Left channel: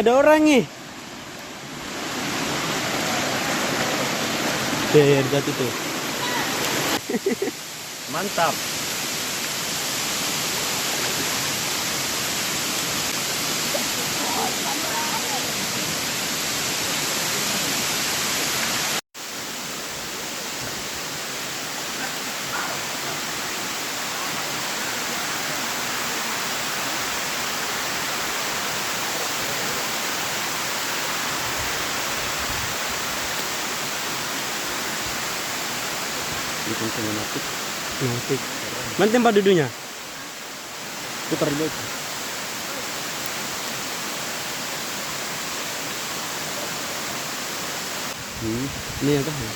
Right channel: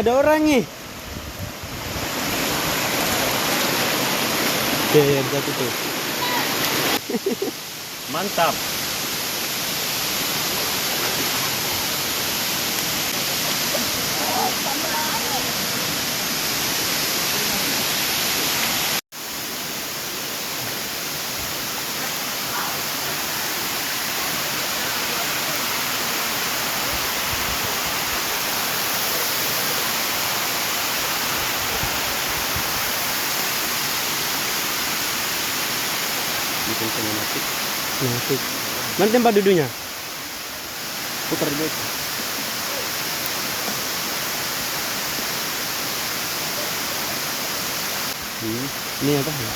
Ada orang nih. Tuh, berarti tuh. Mantap. Bikin sinematik. Sinematik. Mana tempat duduknya? Putar dulu. Ini apa ya?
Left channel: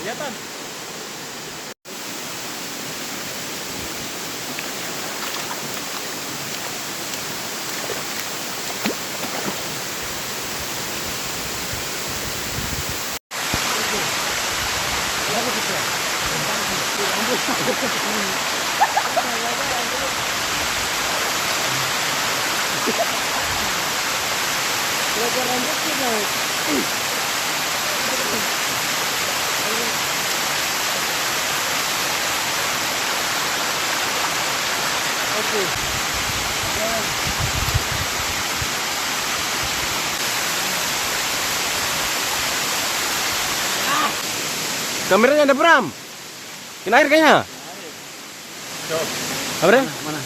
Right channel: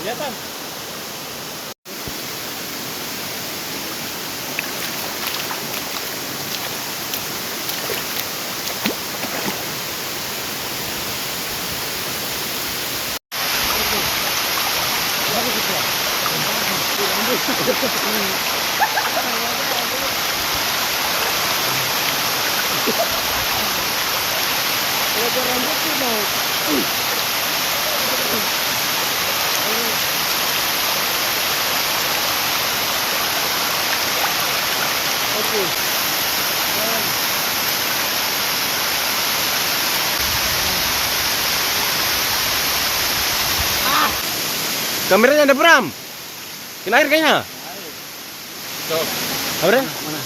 Kelihatan. Kameranya ada Bram. Kena air kayaknya. Apa? Mana?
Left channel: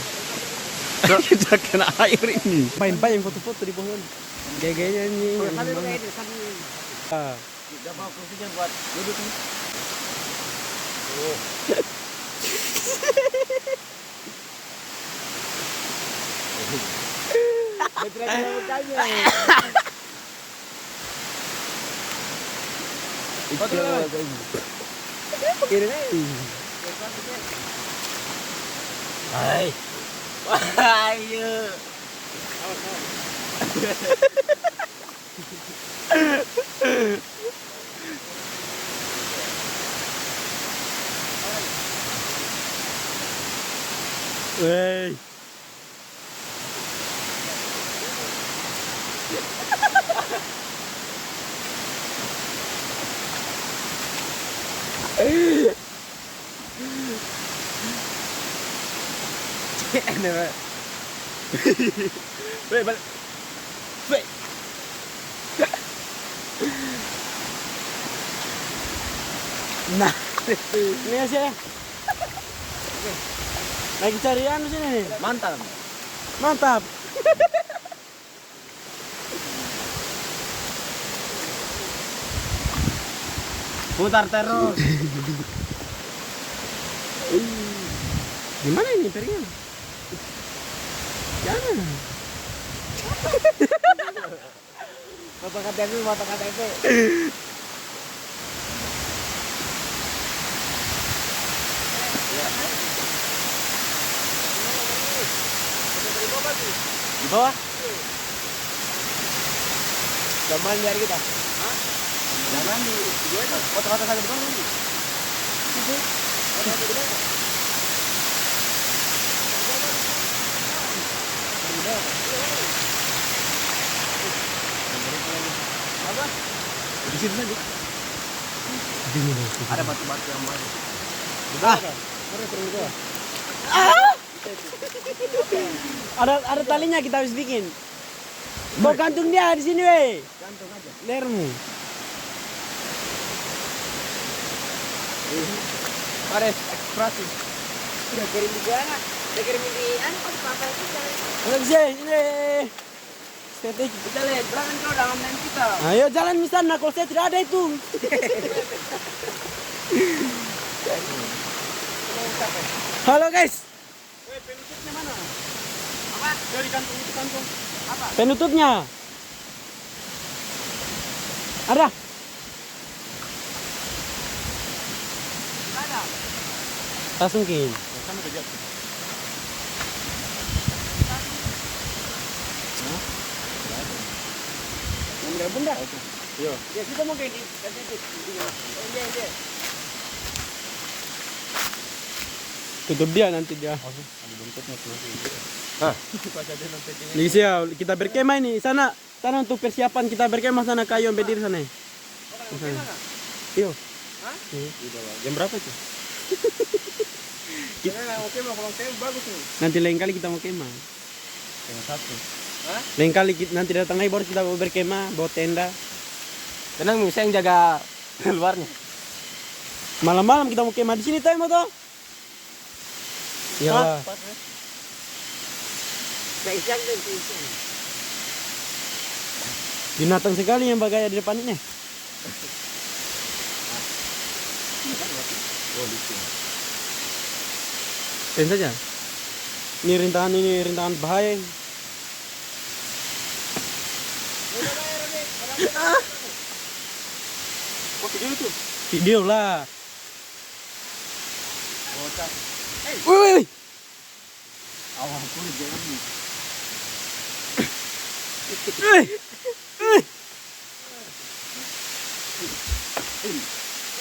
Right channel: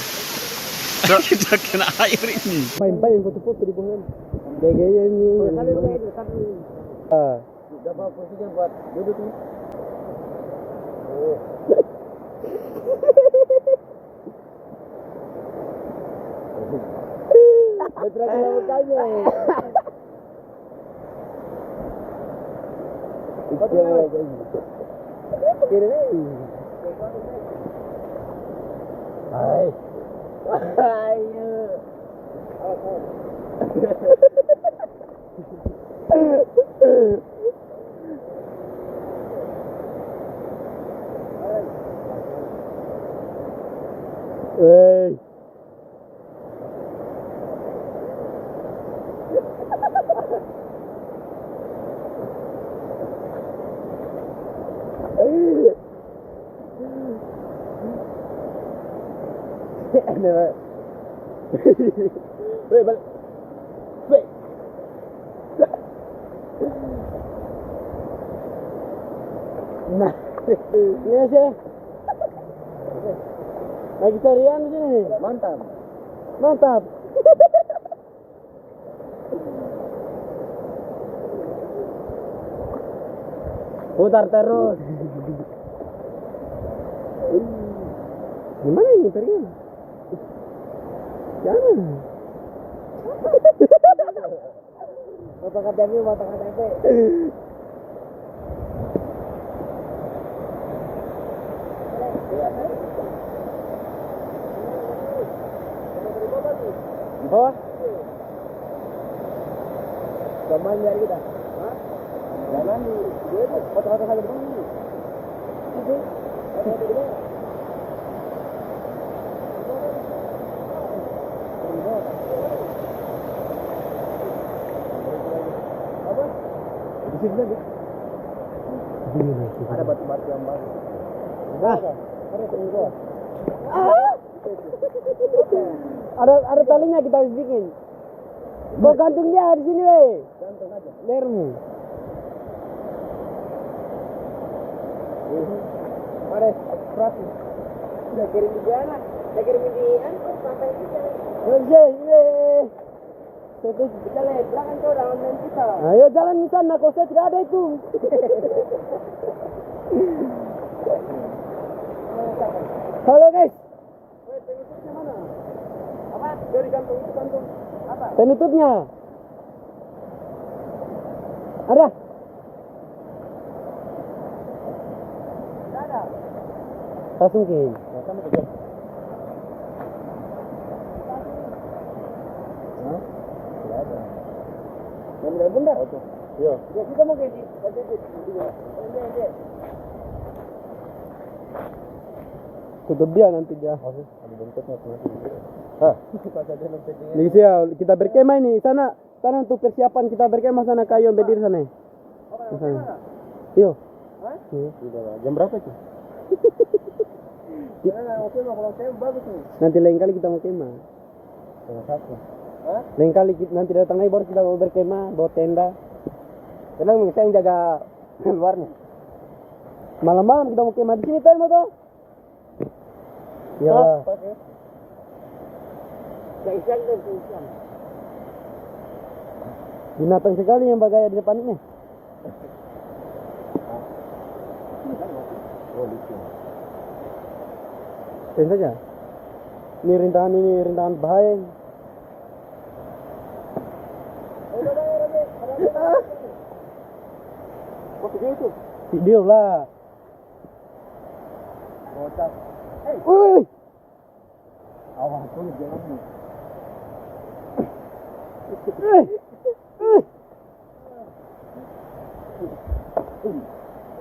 Kita kena air ini. Main yang foto-foto di pohon. Gaya-gaya ini. Dapat posisi buat duduk nih. Betul mukanya. Hai. Ayo. Wey. Ini Pak. Weh, balik. Weh. Nah, ini aja. Oke. Lagi carian di sini. Mantap. Mantap. Putar terus. Gimana ini piringnya? Jangan. Foto KTP, foto KTP. Di bawah. Zaman nyari kita. Hah? Zaman di foto-foto kali di bawah ini. Itu. Foto-foto di bawah. Apa? Di sini tadi. Ada batu-batu yang baru. Ada talinya kita harus bikin. Mau gantung dia di sini, weh. Gantung aja. Lermu. Mari, ekspresi. Udah kirim di mana? Udah kirim di angkot apa kita? Ini. Strategi. Kita lihat belakang kau dalam main kita. Ayo jalan di sana, kalau saya tidak ada itu. Halo guys. Penutupnya mana? Apa? Dari kantung itu kantung. Apa? Penutupnya. Ada. Tidak ada. Tasungkin. Ya, sama saja. Tidak ada. Yang benar bunda. Oke. Iya. Ya kita mau kayak di. Oh iya. Tutup dia nanti dia. Oke. Ada buntutnya nanti. Pas ada lompet ini. Lagi siap, kita berkemah ini. Sana untuk persiapan kita berkemah sana kayu yang berdiri sana. Oh, Sana. mana? Iyo. Hah? Iya. Jam berapa itu? Oke, kalau saya bagus nih. Nanti lain kali kita mau kemah. Setengah satu. Hah? Lain kali nanti datang lagi baru kita mau berkemah, bawa tenda. Tenang, saya yang jaga luarnya. Malam-malam kita mau kemah di sini tahu mau toh? Ya. Kaisan dan kaisan. Binatang sekali yang bagaya di depan ini. Oh, lucu. Ten saja. Ini rintangan bahaya. Kok video itu? Video lah. Kocak. Wih. Awan kulit jangan ini.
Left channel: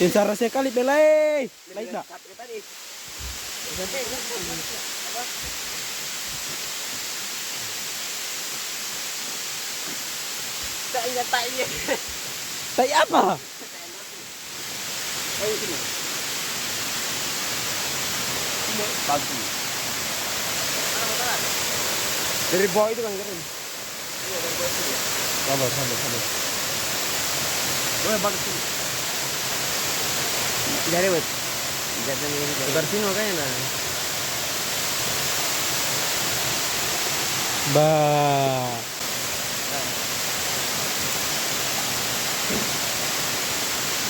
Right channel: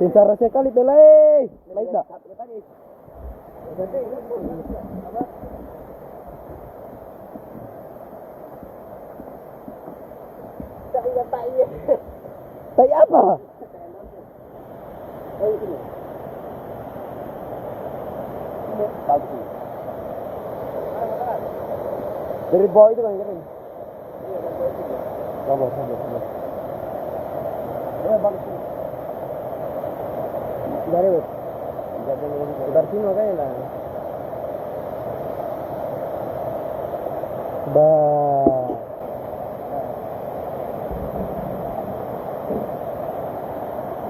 Sensara sekali belai. Baik tak? Tak iya. Tai apa? Oh, sini. Palsu. Dari bawah itu kan keren. Sabar. Boleh balik sini. Dari wes. Jadi dari sini makanya lah. Bah.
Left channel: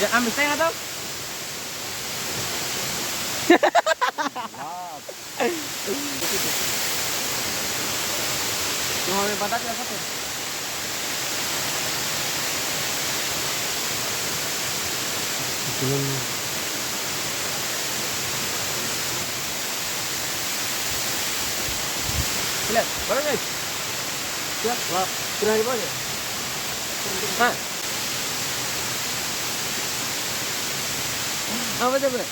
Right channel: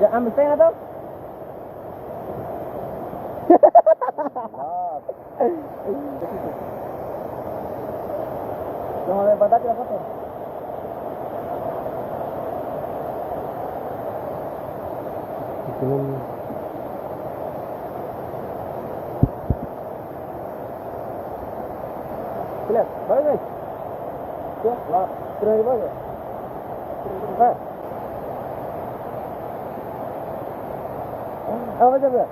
Ya ambil setengah tau? Mau ambil batat ya apa? Lihat, baru guys. Ya, wah, keren di bawah ya. Hah? Apa coba?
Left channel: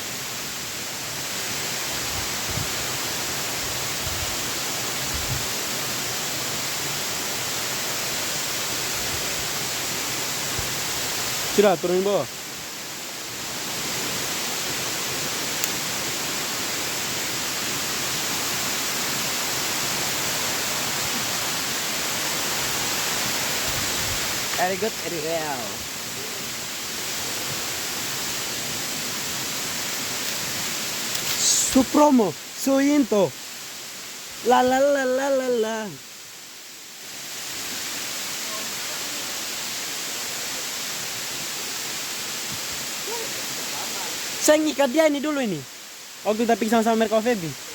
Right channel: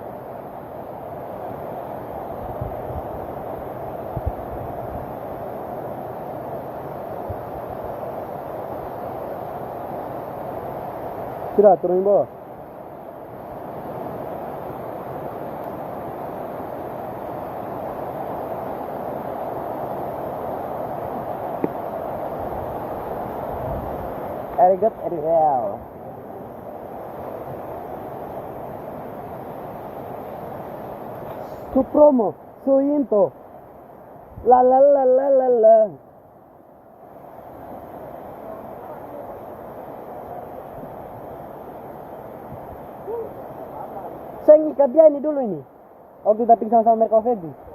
Sudah turun bawah. Very good, very well. Supromo, Suyinto. La la la la la la. Saya ngikat dia ini dulu ini. Waktu kita pergi sama Merko Febi.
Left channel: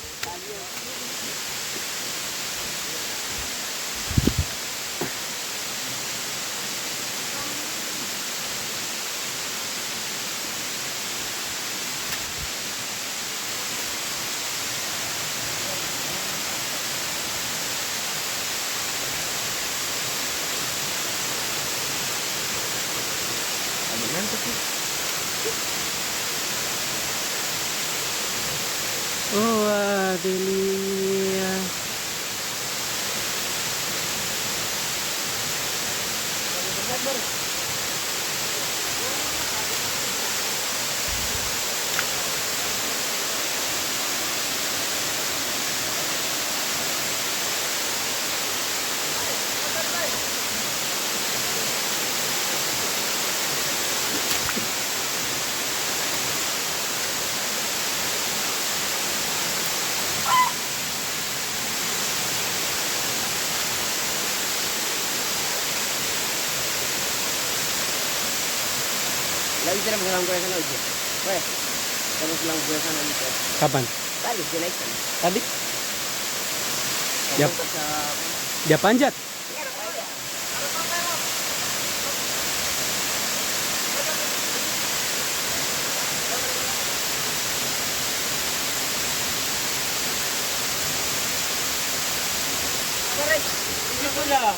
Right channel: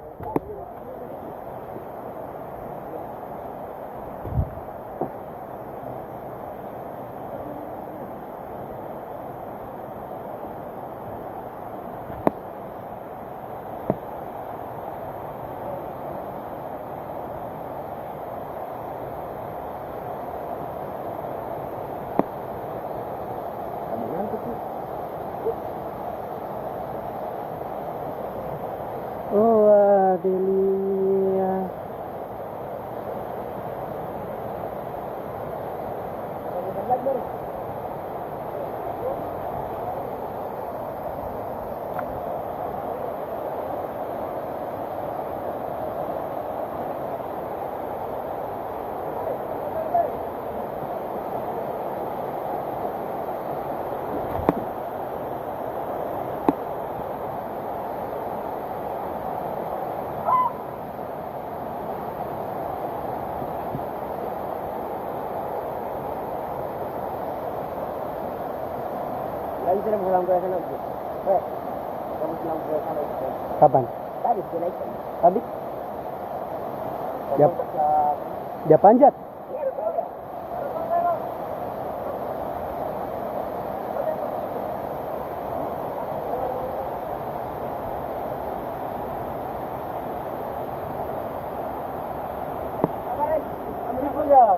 Oh, Adelia. Lagi sila magsalang ko sa loob. Weh, magsalang ko sa loob. Kapan? Tadi sila ikan. Tadi? Yap. Sa Dia panjat.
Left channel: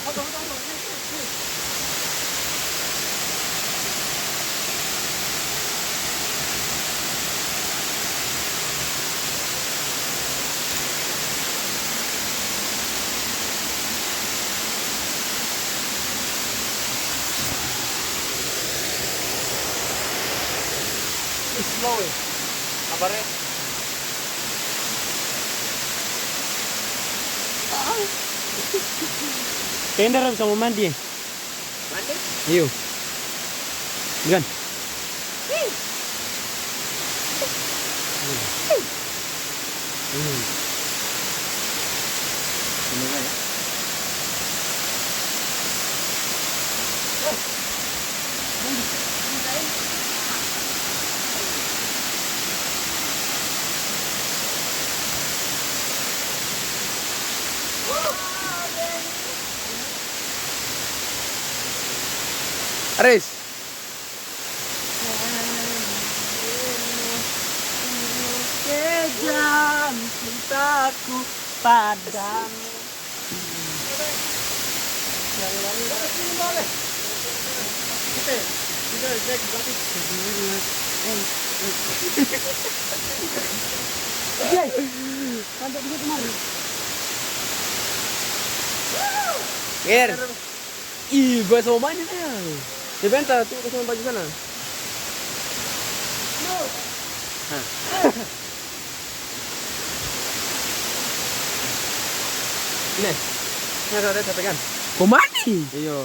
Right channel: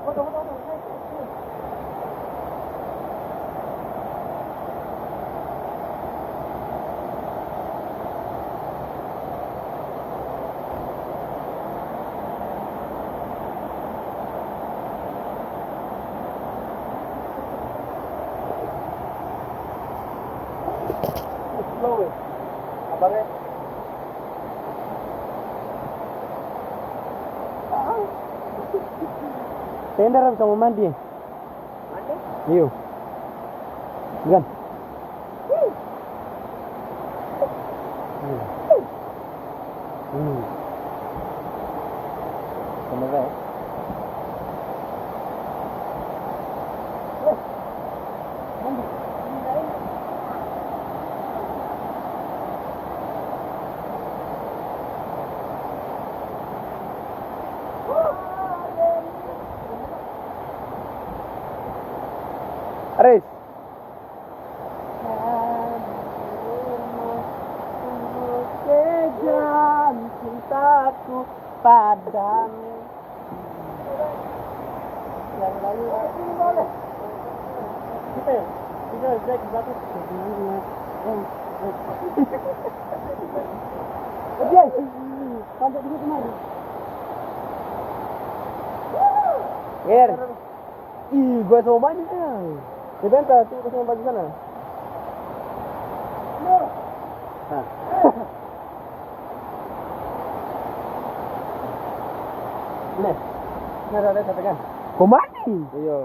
Foto. slow eh. Kabarnya. Kayaknya dalam sama mandi ya. Mandi? Iyo. Bukan. Semoga ya. Aris. Kejam cintaku padamu. Yang lain boleh. Kita Jack berarti oke. Sampai di kemana? Ger. Ih, gua sama main ya. Di bentar, tuh sama baju sana. Ini. Ini ada saya pegang. Kau mandi? Iya.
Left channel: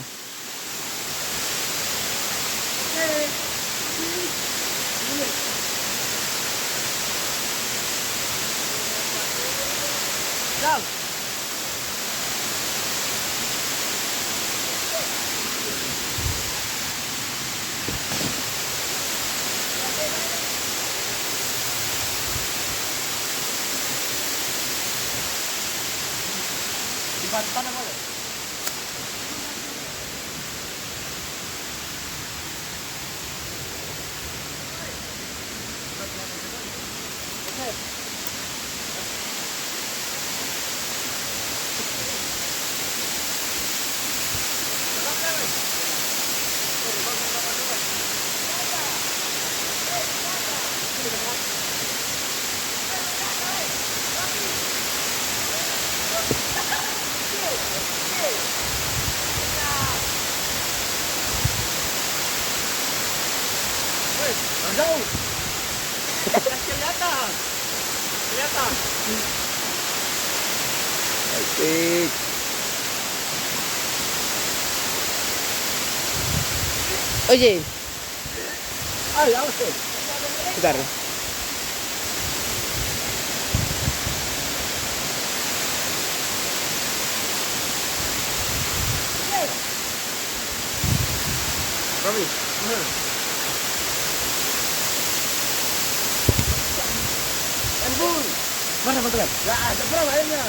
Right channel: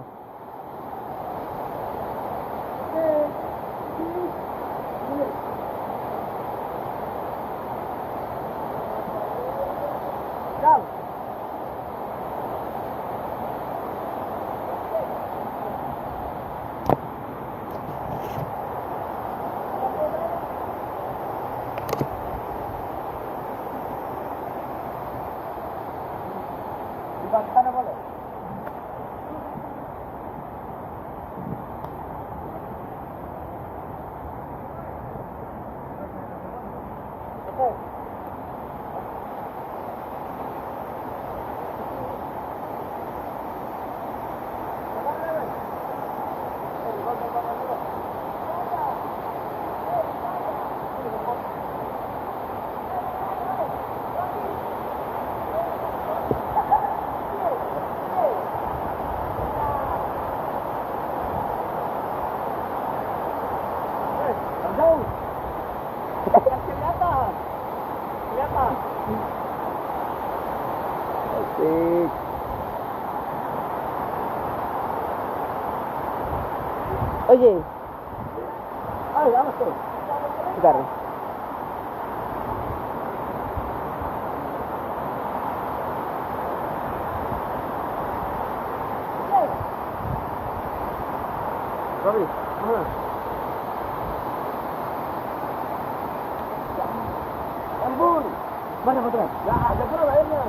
Sana boleh. Kelihatan. Kelihatan. Asik. Oye. Ayo, awas tuh. Bentar. Robi, mana? Handphone. Mana fotonya? Nah, ada berapa lainnya?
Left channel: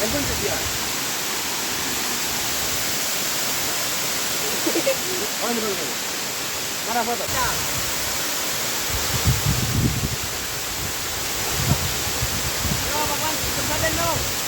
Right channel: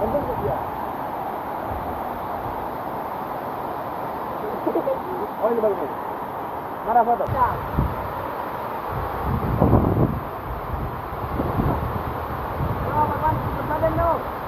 Handphone dia. Oh, ini bagus. Mana foto? Berapa kan? Berapa